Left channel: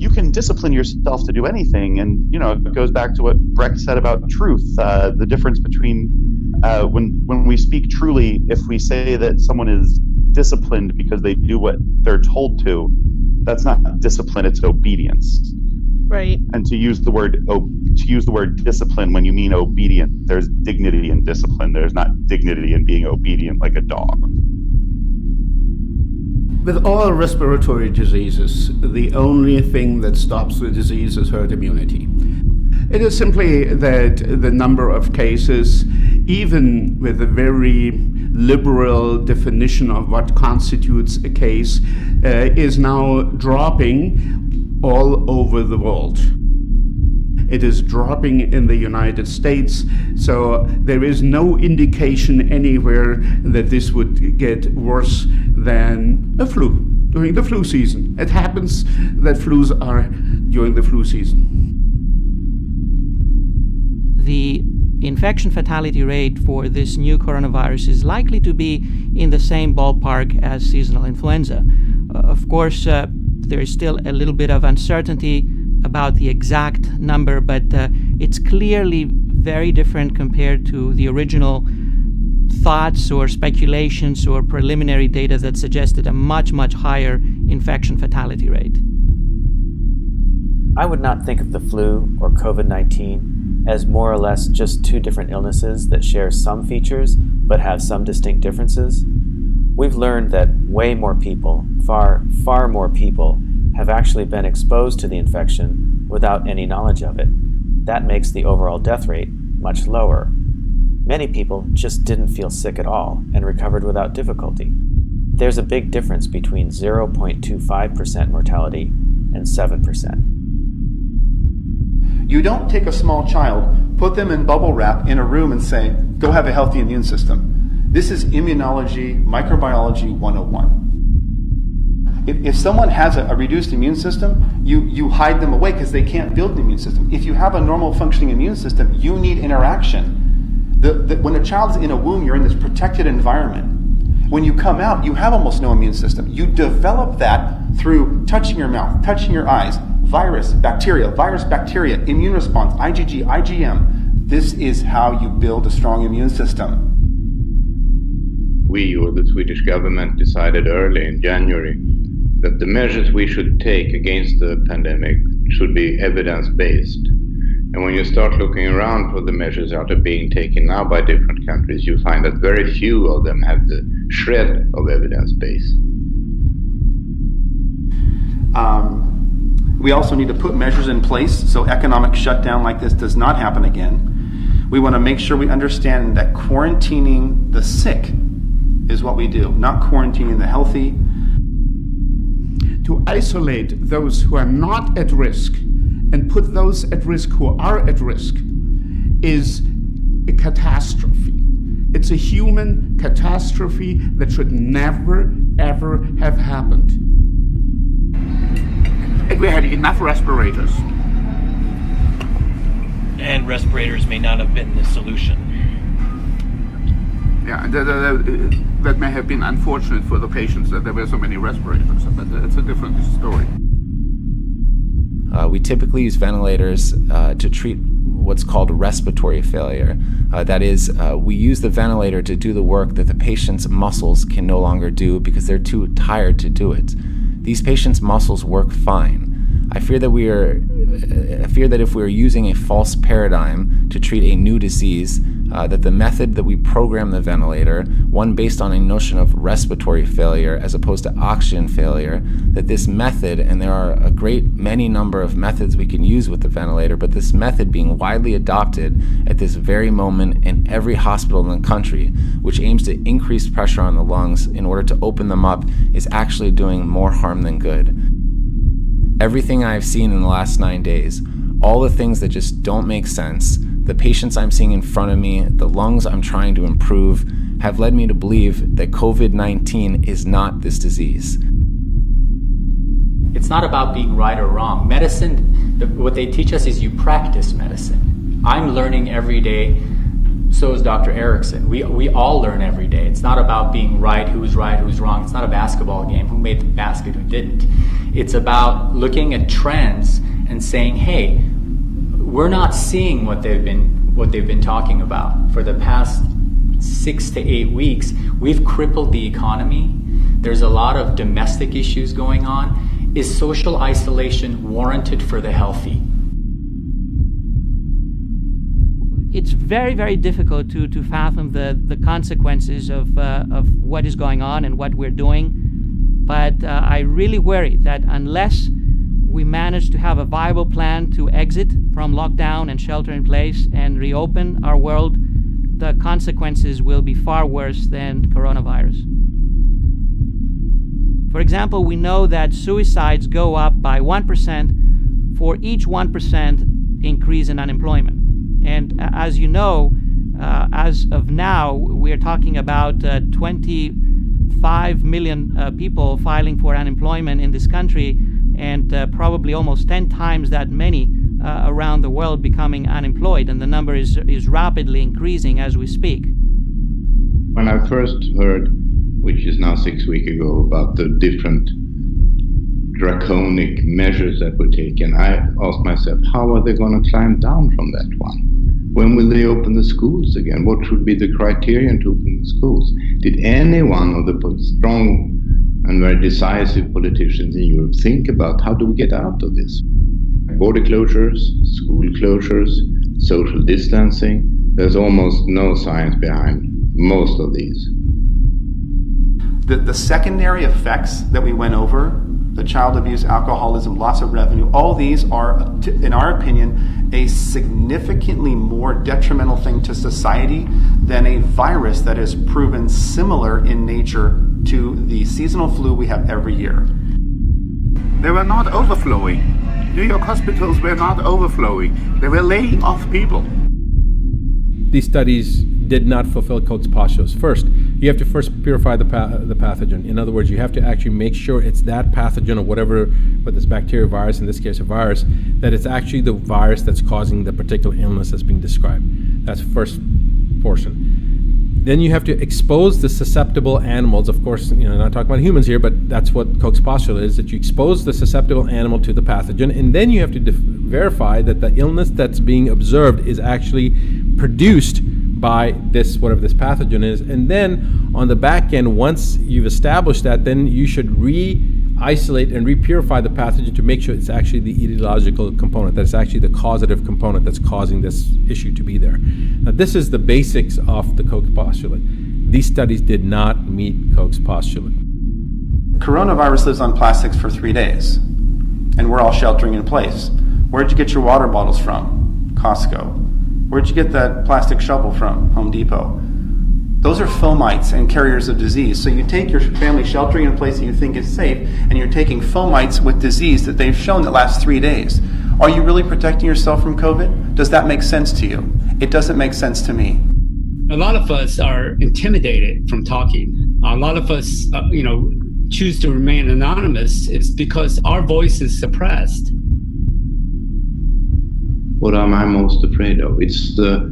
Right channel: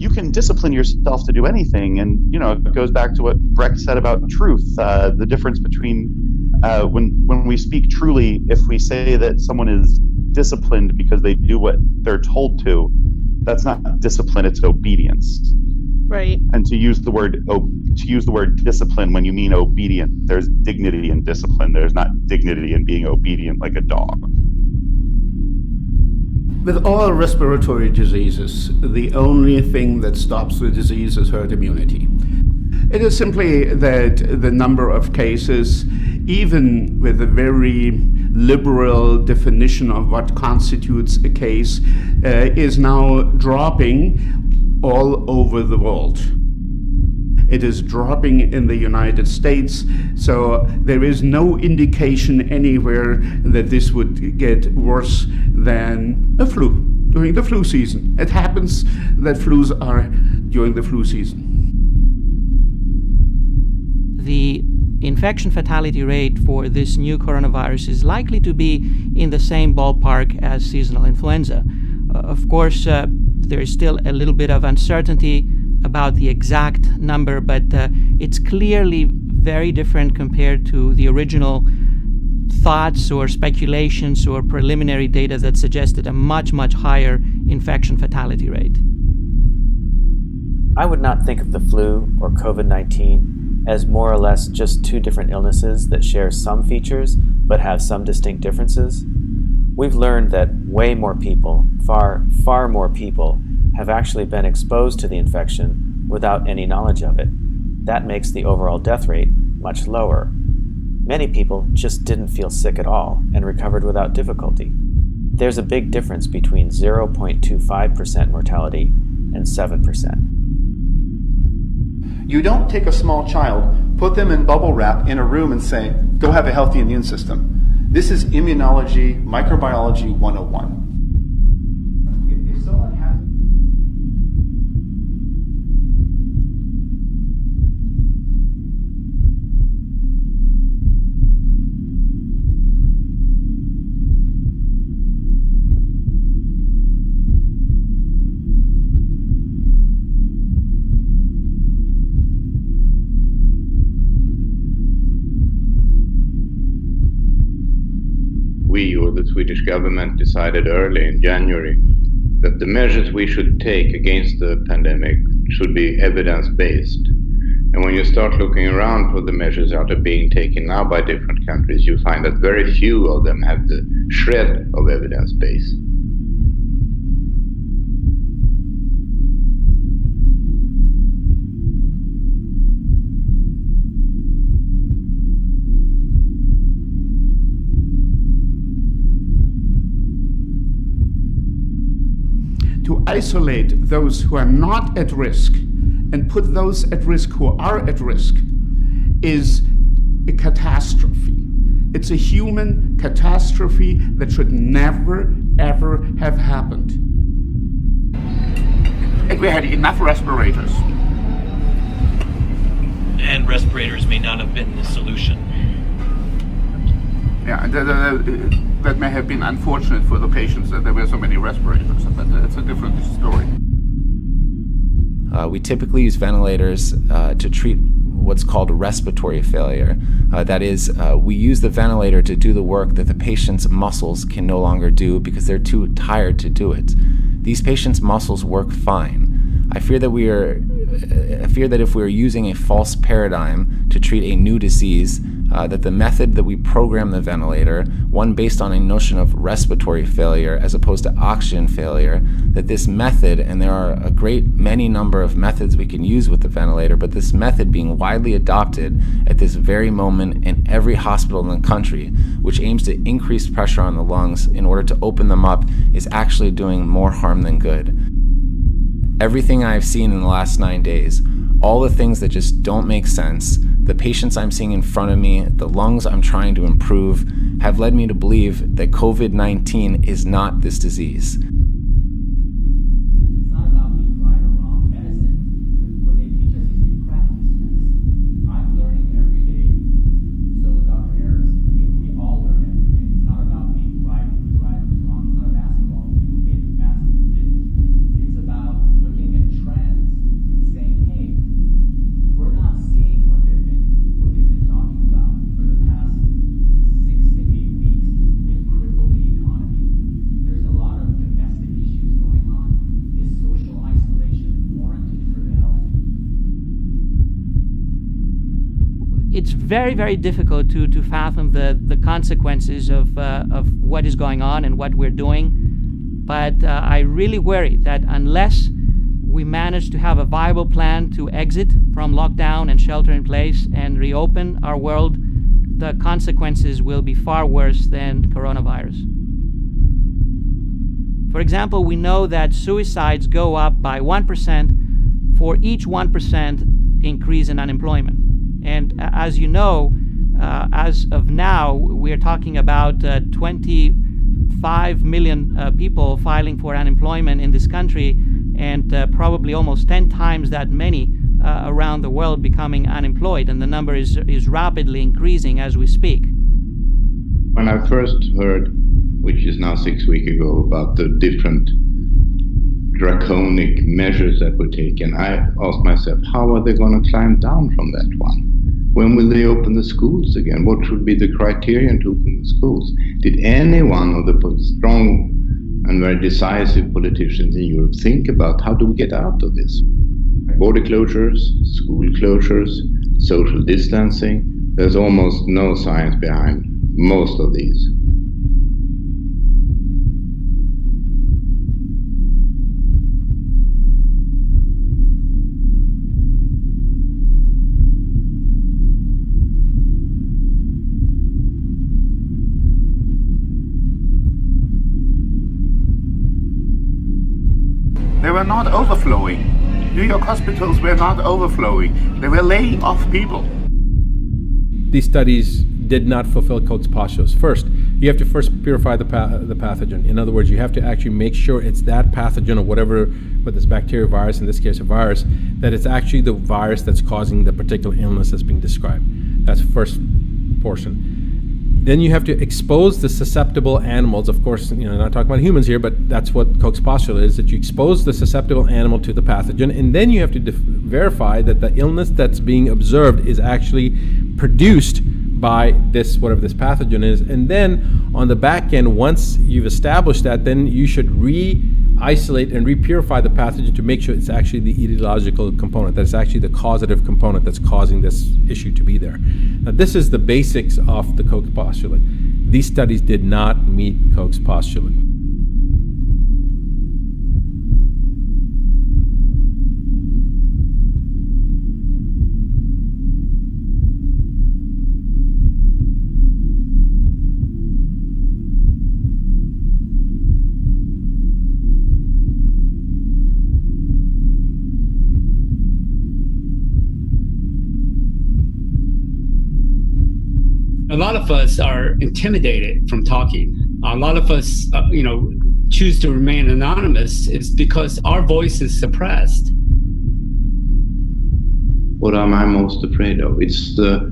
you can discipline yourself to do anything. And, it goes back to what Brecht said about truth, the difference between when we speak truly, if we say that someone is disciplined because they do what they're told to, that's not discipline, it's obedience. Right. And to use the word discipline when you mean obedient, there's dignity in discipline. There's not dignity in being obedient like a dog. With all respiratory diseases, the only thing that stops the disease is herd immunity. It is simply that the number of cases, even with a very liberal definition of what constitutes a case, is now dropping all over the world. It is dropping in the United States, so there is no indication anywhere that this would get worse than a flu during the flu season. It happens that flus are during the flu season. The infection fatality rate for this new coronavirus is likely to be in the same ballpark as seasonal influenza. Of course, there is still a little bit of uncertainty about the exact number, but it's clearly very different compared to the original thoughts or speculations or preliminary data that suggested a much, much higher infection fatality rate. I would not think of the flu or COVID-19 as more or less just two different illnesses that share some features but have some distinct differences. We've learned that way more people, far, far more people, have actually been exposed to the infection without any knowledge of it. That makes the overall death rate much lower. Many people just didn't feel sick at all and recovered without difficulty. There's a big difference between 0.25% mortality and 7%. You don't take a small child, put them in bubble wrap in a room and say, go have a healthy immune system. This is immunology, microbiology 101. If someone has a reduced immune system, you hide them away because they can't build an immune system. If you have a normal functioning immune system, you need interaction. When a child is in a womb, you're in this protected environment. When you come out, you have almost no immune system. You develop that through touching your mouth, touching your eyes, virus, bacteria, immune response, IgG, IgM. This is how you build a strong immune system. We, or the Swedish government, decided early in January that the measures we should take against the pandemic should be evidence-based. And when you start looking around for the measures that are being taken now by different countries, you find that very few of them have the shred of evidence base. We also need to put measures in place so economic shutdown like this does not happen again. We want to make sure we understand that quarantining the sick is what we do, not quarantining the healthy. To isolate those who are not at risk and put those at risk who are at risk is a catastrophe. It's a human catastrophe that should never, ever have happened. If we had enough respirators. And respirators may not have been the solution. Yeah, that may have been unfortunate for the patients that there were so many respirators, but it's a different story. We typically use ventilators to treat what's called respiratory failure. That is, we use the ventilator to do the work that the patient's muscles can no longer do because they're too tired to do it. These patients' muscles work fine. I fear that if we are using a false paradigm to treat a new disease, that the method that we program the ventilator, one based on a notion of respiratory failure as opposed to oxygen failure, that this method, and there are a great many number of methods we can use with the ventilator, but this method being widely adopted at this very moment in every hospital in the country, which aims to increase pressure on the lungs in order to open them up, is actually doing more harm than good. Everything I've seen in the last 9 days, all the things that just don't make sense, the patients I'm seeing in front of me, the lungs I'm trying to improve, have led me to believe that COVID-19 is not this disease. It's not about being right or wrong. Medicine, what they teach us is you practice medicine. I'm learning every day, so is Dr. Erickson. We all learn every day. It's not about being right, who's wrong. It's not a basketball game, who made the basket, who didn't. It's about looking at trends and saying, hey, we're not seeing what they've been talking about. For the past 6 to 8 weeks, we've crippled the economy. There's a lot of domestic issues going on. Is social isolation warranted for the healthy? It's very, very difficult to fathom the consequences of what is going on and what we're doing. But I really worry that unless we manage to have a viable plan to exit from lockdown and shelter in place and reopen our world, the consequences will be far worse than coronavirus. For example, we know that suicides go up by 1% for each 1% increase in unemployment. And as you know, as of now, we're talking about 25 million people filing for unemployment in this country, and probably almost 10 times that many around the world becoming unemployed. And the number is rapidly increasing as we speak. When I first heard, which is now 6 weeks ago, about the different draconic measures that were taken, I asked myself, how are they going to climb down from that one? When will they open the schools again? What should be the criterion to open the schools? Did any one of the strong and very decisive politicians in Europe think about how do we get out of this? Border closures, school closures, social distancing. There's almost no science behind most of these. The secondary effects that we went over, the child abuse, alcoholism, loss of revenue, all these are, in our opinion, a significantly more detrimental thing to society than a virus that is proven similar in nature to the seasonal flu we have every year. They were not overflowing. New York hospitals were not overflowing. They were laying off people. These studies did not fulfill Koch's postulates. First, you have to first purify the pathogen. In other words, you have to actually make sure it's that pathogen or whatever, whether it's bacteria, virus, in this case a virus, that it's actually the virus that's causing the particular illness that's being described. That's the first portion. Then you have to expose the susceptible animals. Of course, not talking about humans here, but that's what Koch's postulate is, that you expose the susceptible animal to the pathogen, and then you have to verify that the illness that's being observed is actually produced by this, whatever this pathogen is. And then on the back end, once you've established that, then you should re-isolate and re-purify the pathogen to make sure it's actually the etiological component, that it's actually the causative component that's causing this issue to be there. Now, this is the basics of the Koch postulate. These studies did not meet Koch's postulate. Coronavirus lives on plastics for 3 days, and we're all sheltering in place. Where'd you get your water bottles from? Costco. Where'd you get that plastic shovel from? Home Depot. Those are fomites and carriers of disease. So you take your family sheltering in place that you think is safe, and you're taking fomites with disease that they've shown that lasts 3 days. Are you really protecting yourself from COVID? Does that make sense to you? It doesn't make sense to me. A lot of us are intimidated from talking. A lot of us, choose to remain anonymous is because our voice is suppressed. What am I most afraid of? It's the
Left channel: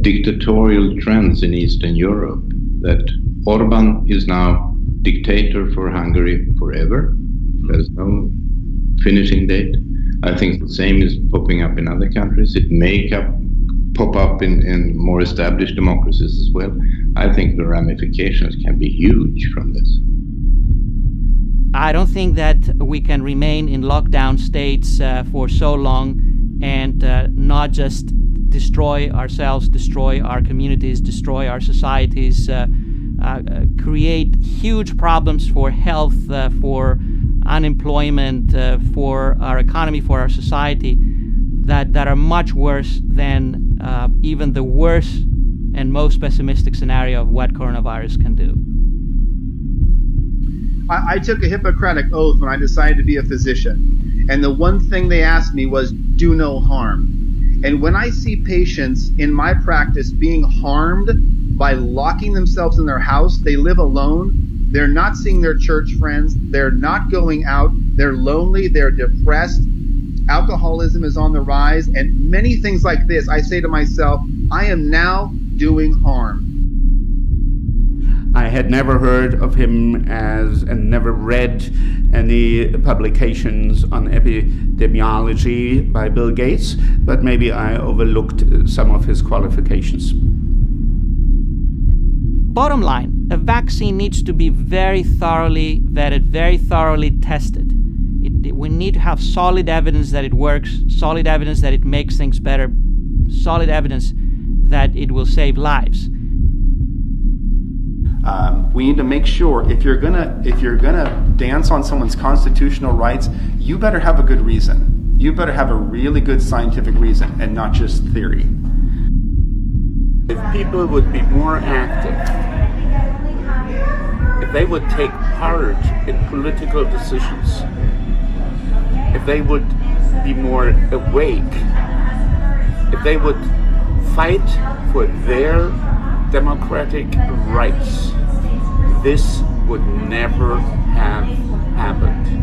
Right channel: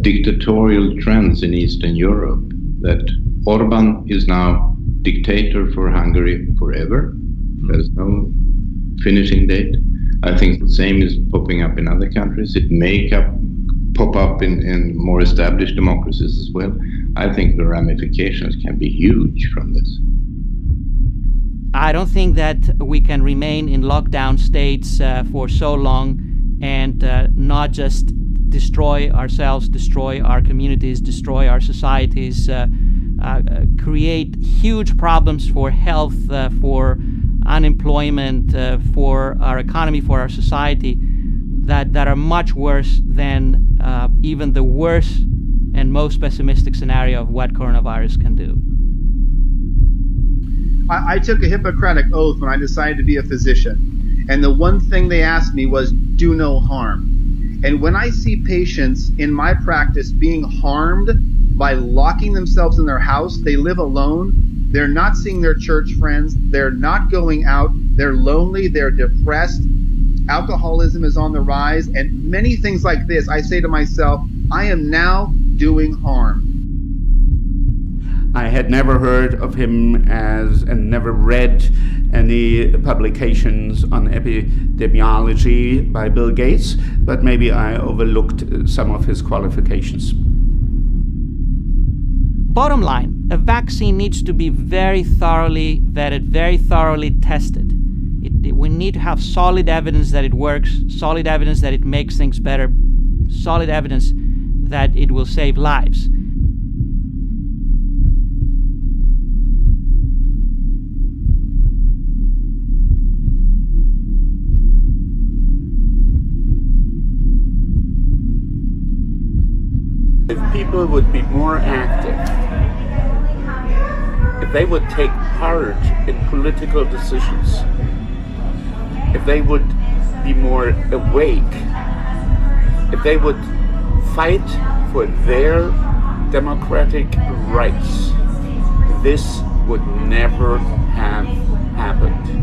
dictatorial trends in Eastern Europe, that Orban is now dictator for Hungary forever. There's no finishing date. I think the same is popping up in other countries. It may pop up in more established democracies as well. I think the ramifications can be huge from this. I don't think that we can remain in lockdown states for so long and not just destroy ourselves, destroy our communities, destroy our societies, create huge problems for health, for unemployment, for our economy, for our society, that are much worse than even the worst and most pessimistic scenario of what coronavirus can do. I took a Hippocratic oath when I decided to be a physician, and the one thing they asked me was, do no harm. And when I see patients in my practice being harmed by locking themselves in their house, they live alone, they're not seeing their church friends, they're not going out, they're lonely, they're depressed, alcoholism is on the rise, and many things like this, I say to myself, I am now doing harm. I had never heard of him and never read any publications on epidemiology by Bill Gates, but maybe I overlooked some of his qualifications. Bottom line, a vaccine needs to be very thoroughly vetted, very thoroughly tested. We need to have solid evidence that it works, solid evidence that it makes things better, solid evidence that it will save lives. We need to make sure if you're gonna dance on someone's constitutional rights, you better have a good reason. You better have a really good scientific reason and not just theory. If people would be more active, if they would take part in political decisions, if they would be more awake, if they would fight for their democratic rights, this would never have happened.